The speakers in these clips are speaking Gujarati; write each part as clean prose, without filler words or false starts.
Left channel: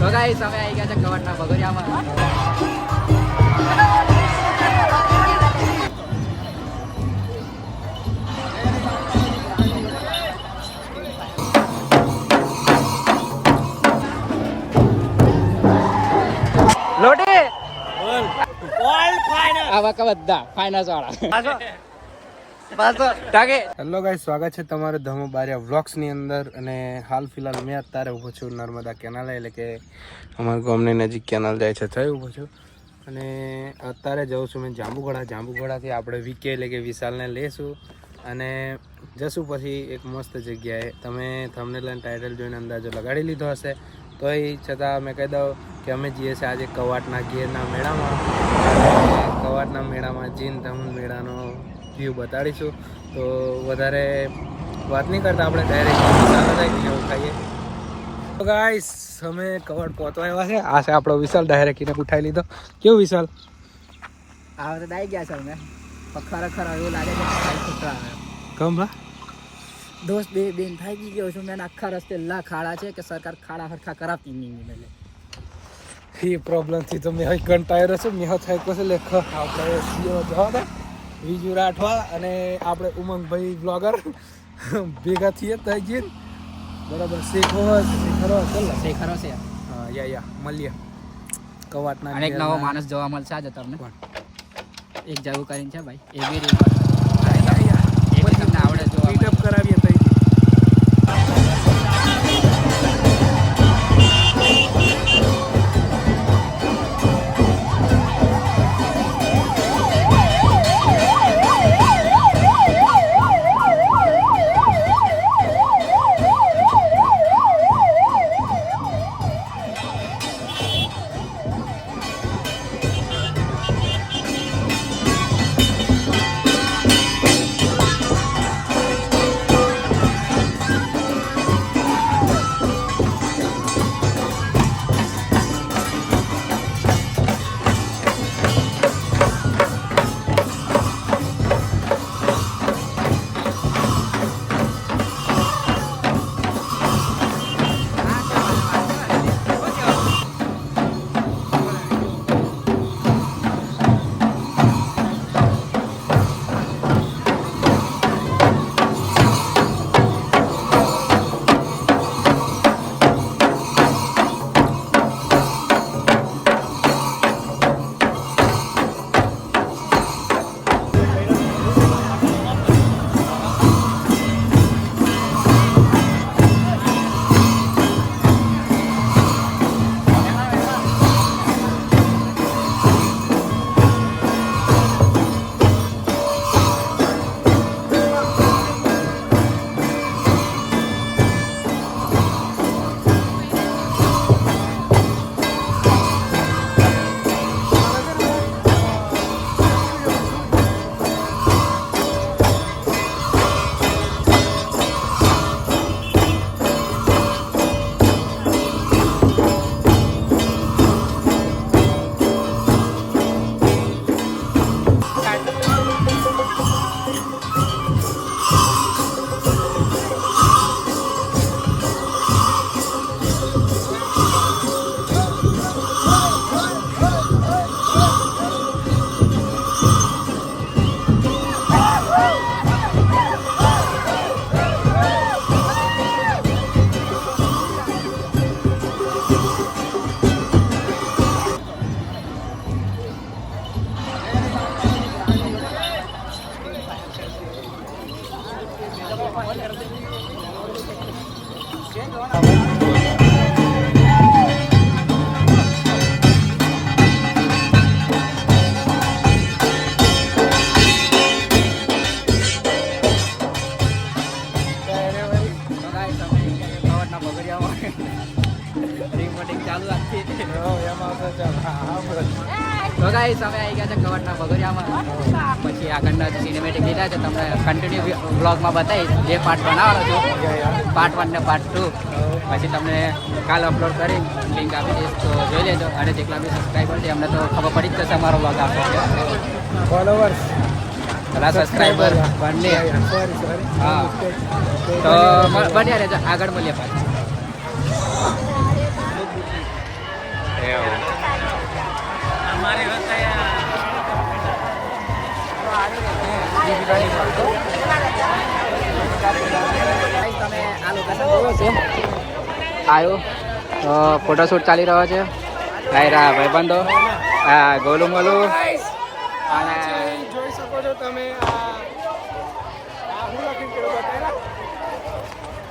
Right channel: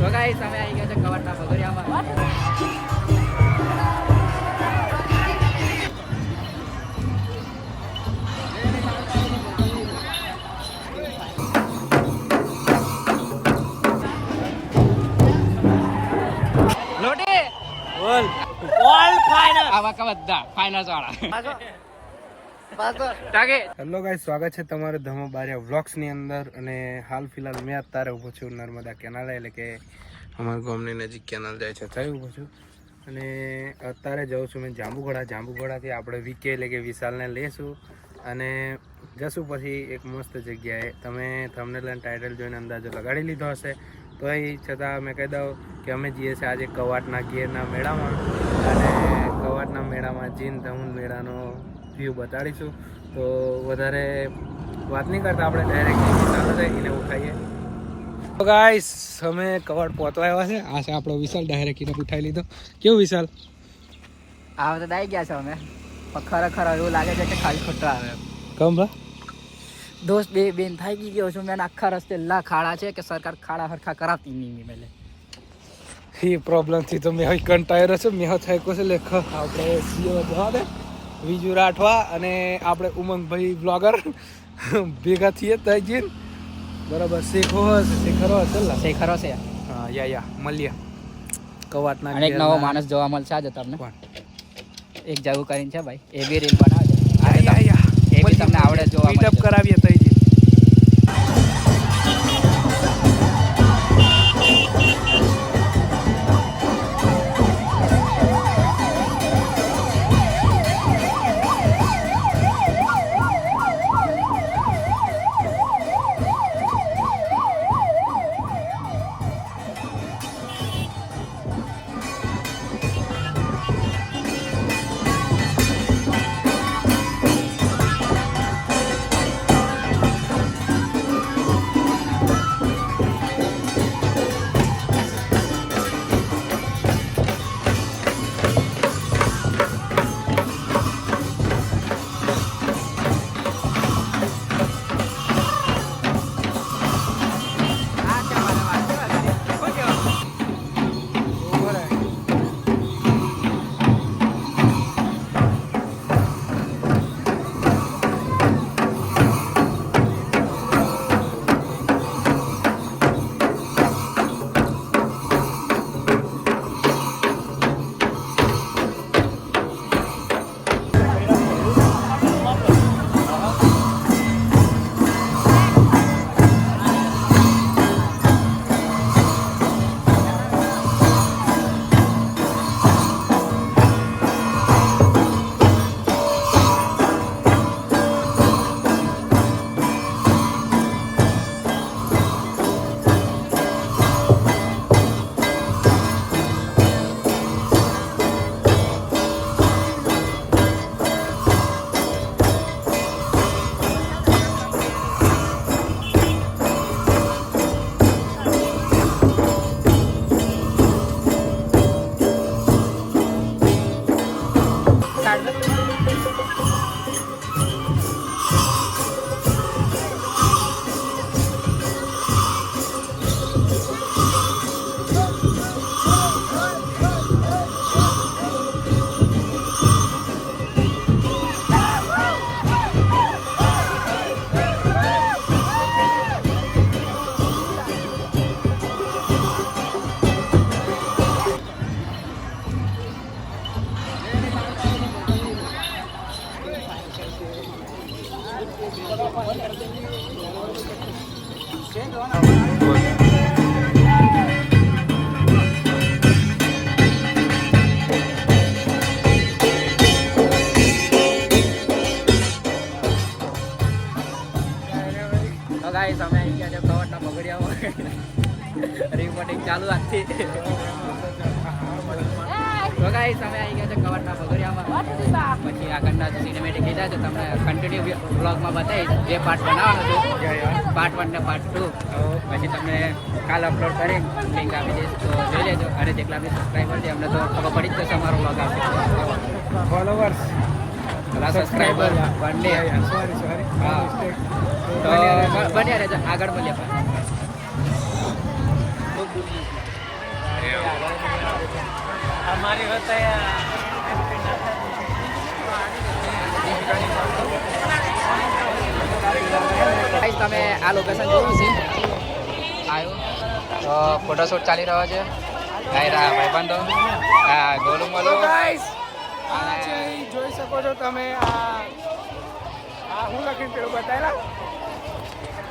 તો ગાઈસ અમે આવી ગયા છે કવરના ભગોરિયામાં. લોટી બોલ ઓલ ફાઇનલ આવા કા બધા ફાઇનલ વાળા હેલો ગાઈસ, સ્વાગત છે તમારું ધમો બારિયા વ્લોગ્સ ની અંદર. અને હાલ ફિલહાલ મેં અત્યારે ઊભો છું નર્મદા કેનાલ, એટલે કે અમારા ગામની નજીક કેનાલ જાય છે, ત્યાં ઊભો છું. અને અત્યારે જાઉં છું મેં જાંબુઘોડાથી આપણે વીકે એટલે કે વિશાલને લઈશું અને જશું પછી એક મસ્ત જગ્યાએ. તમે થંબનેલ અને ટાઇટલ જોઈને અંદાજો લગાડી લીધો હશે, તોય છતાં મેં કહી દઉં કે અમે જઈએ છીએ આજે કવાટના ગીરના મેળામાં. અને કવાટના મેળામાં જઈને તમને મેળાનો વ્યૂ બતાડીશું. તો વધારે વાત નહીં કરતા, આપણે ડાયરેક્ટ વિશાલ એને ઉઠાવીએ. તો ગાઈસ, અમે કવાટ પહોંચવા આવ્યા છે. આ છે આપણો વિશાલ, ડાયરેક્ટ એને ઉઠાવી લીધો. કેવું વિશાલ? આ તો દાઈ ગયા છે અમે, પણ ખરેખર એવું લાગે છે કે ખાલી ખોટા આવે. કમ ભા દોસ્ત બે બેન થાકી ગયો છું મેં. આખા રસ્તે લા ખાડા છે કે સરકાર ખાડા હરખા કરાવતી નહીં મેલે. એ પ્રોબ્લેમથી તો મેં હવે કંટાળ્યો છે. મેં થાય કોશે લેખ આપણે સીઓ જવા દે વિજુ રાઠવા અને આપણે ઉમંગભાઈ બ્લોગર ભેગા થઈએ ત્યાં જઈને બરાબર. શેખરો છે. હા યા મળીએ કવાટના. અને એક નવો માણસ જોવા મળશે આજે તમને. એક જવું કરીને છે ભાઈ, એ બી રીલ બનાવજો. એ બી તમને આવડે જોવા મીટઅપ કરાવીએ તો રિપોર્ટિંગ ચાલુ આજથી. તો ગાઈસ, અમે આવી ગયા છે કવાટના ભગોરિયામાં. પછી આગળના સિનેમેટિક લીધા છે તમને કન્ટિન્યુ બ્લોગમાં બતાવીશ. જે પાર્ટ બનાવવાનો છું, પાર્ટ 1 ને પાર્ટ 2, પછી તમને કાલ અપલોડ કરીને લિંક આપી દઈશ, તો જોઈ લેજો. અને જેટલા બી સબસ્ક્રાઈબર છે અમને તો ખબર પડી જ જશે અમારો બ્લોગ આપવાનો. ફોલોવર્સ સબસ્ક્રાઈબર બંને. સોરી બન્યા રહેજો, આગળ મળીએ. આ લોકેશન જોયો છે આવ્યો ફોટોશૂટ ચાલી રહ્યો છે ભાઈબંધો ગોલું બોલું જોઈ શકો છો તમે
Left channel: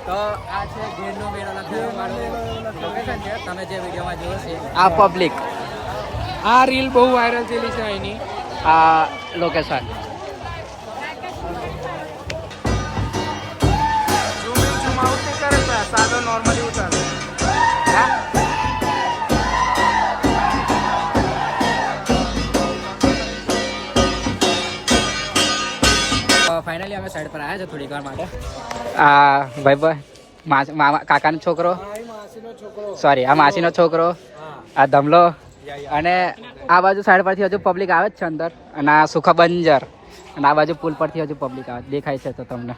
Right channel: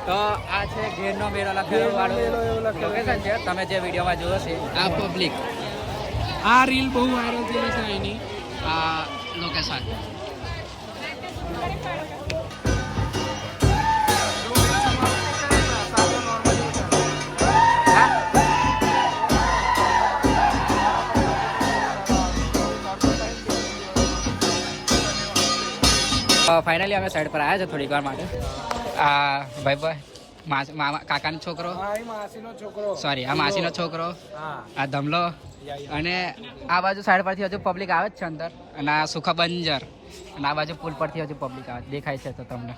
તો આ છે ગીરનો મેળો લખેલો વાળું લોકેશન છે તમે જે વિડીયોમાં જોયો છે આ પબ્લિક આ રીલ બહુ વાયરલ થયેલી છે એની આ લોકેશન ફાઇનલી અમે સાઈડ પર આવ્યા છે થોડીક વાર માટે આ ભાઈ કાકાનો છોકરો સોરી આ માસીનો છોકરો આ ધમલો અને આ બાજુ સાઈડ પરથી હજુ પબ્લિક આવે જ છે અંદર અને આ સુખા બંજર અને આ બાજુ પુલ પરથી હજુ પબ્લિક આવે દેખાય છે તો તમને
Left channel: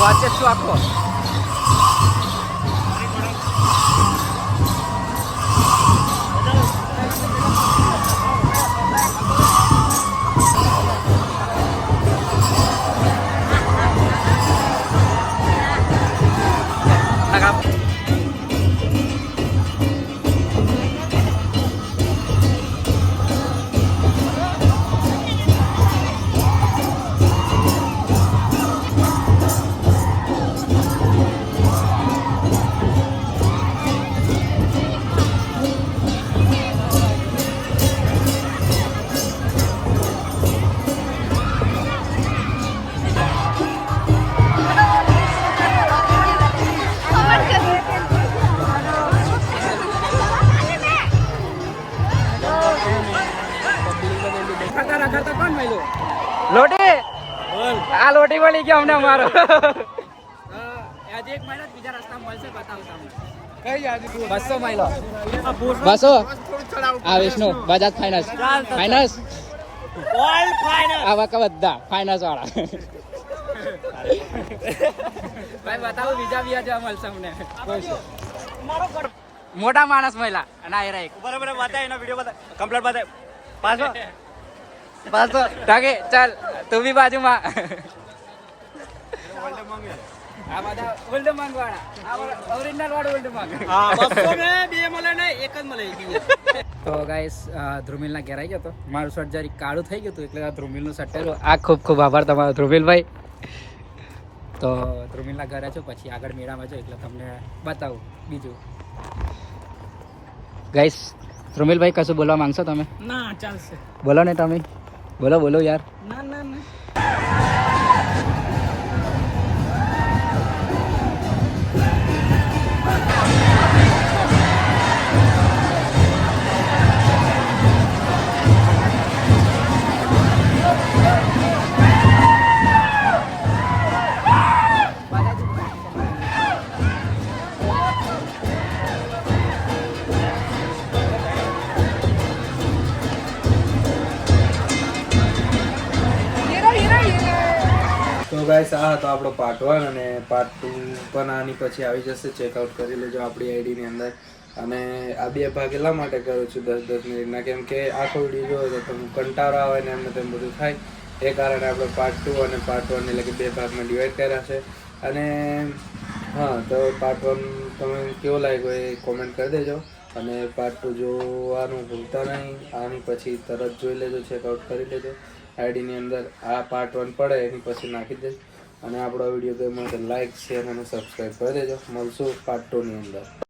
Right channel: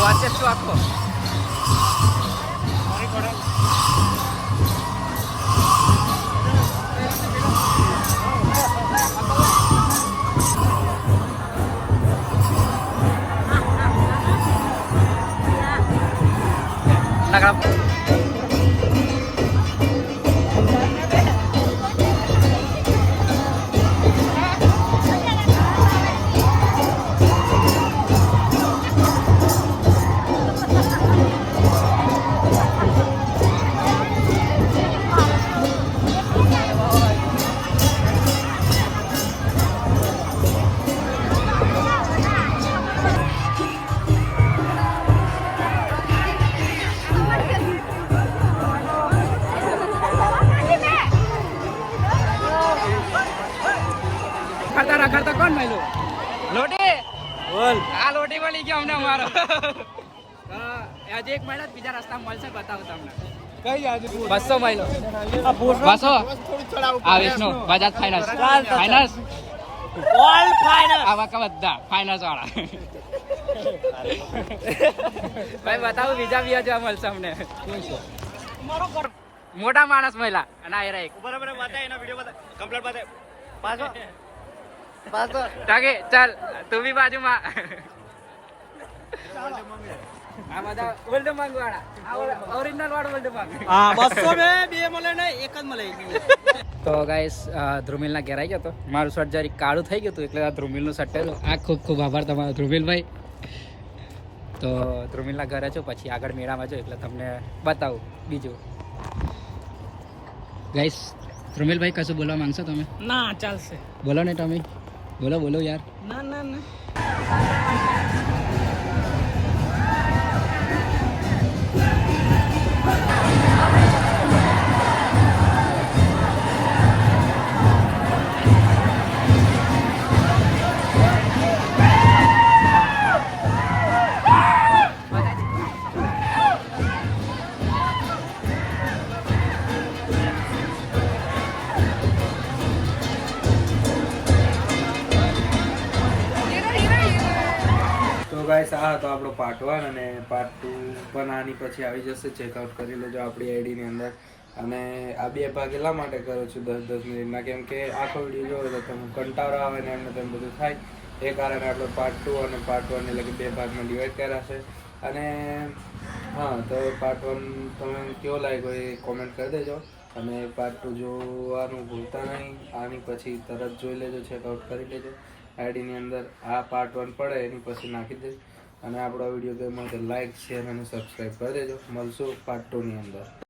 વાંચે છું આખો રખડતા કોણ માયલો લોટી આ લોટી મળી ગયો અમને અમારો આજે એક મહિના બીજા રસ્તા મળશે બતાવો તમને 200 માઇલો 200 આ વિષ્ણુ બજાજ ફાઇનાન્સ આવા કા બધા ફાઇનાન્સ વાળા ભાઈ બતાવો બીજા જોવા મળશે અમને મોટા માણસ મહિલા અને આ એક બરાબર બતાય એનો વિડિયો બતાય કમ્પ્લીટ બતાય 500 તાકે ચાલ તું બી બાજુમાં આ બધા ઓલ્ડ માંગવાના આ ઓરિજિનલ વાળો ઓલ્ડ માંગ આ 200 મે બે મળે ને એક જ મળે તો ગાઈસ ધ્રુમિલના ઘેર આવી ગયો તો મારું શર્ટ જરી કાળું થઈ ગયું હતું એટલે આ ધ્રુમિલનું શર્ટ પહેર્યું આ ખૂબ ખૂબ આભાર તમારો ધ્રુમિલભાઈ તો ધ્રુમિલના ઘરે છો પછી આગળ મેળામાં જો એટલે તમને બતાવું બીજું ગાઈસ ધ્રુમિલભાઈ કશું બોલવા માંગશો તમે ના ચાલશે બોલો ને તમે બોલો યાર ના ના ના ગાઈસ આ હતો આપણો પાર્ટ 1 અને પાર્ટ 2 પણ આની પછી આવી જશે ચેકઆઉટ કરી લેજો આપણી આઈડીની અંદર અને આ બે ભાગ એટલા માટે કરું છું 10-10 મિનિટના કેમ કે આખો વિડીયો જોયો તો તમે કંટાળો આવે ને એમને તેમ બધું થાય એ કારણે આપણે પાર્ટ 2 અને પાર્ટ 1 એટલે કે 2 ભાગમાં ડિવાઈડ કર્યા છે. અને હા, તો પાર્ટ 1 તમે કેવો લાગ્યો એ કોમેન્ટ કરી દેજો. અને પાર્ટ 2 જોવાનું ભૂલતા નહીં. આની પછી તરત જોઈ લેજો, ચેકઆઉટ કરી લેજો. આઈડીની અંદર આ પાર્ટ 1 પડે એની પછી નાખી દેજો. અને આપણો વિડીયો ગમ્યો તો લાઈક, શેર અને સબસ્ક્રાઈબ કરી દેજો. મળશું પાર્ટ 2 ની અંદર.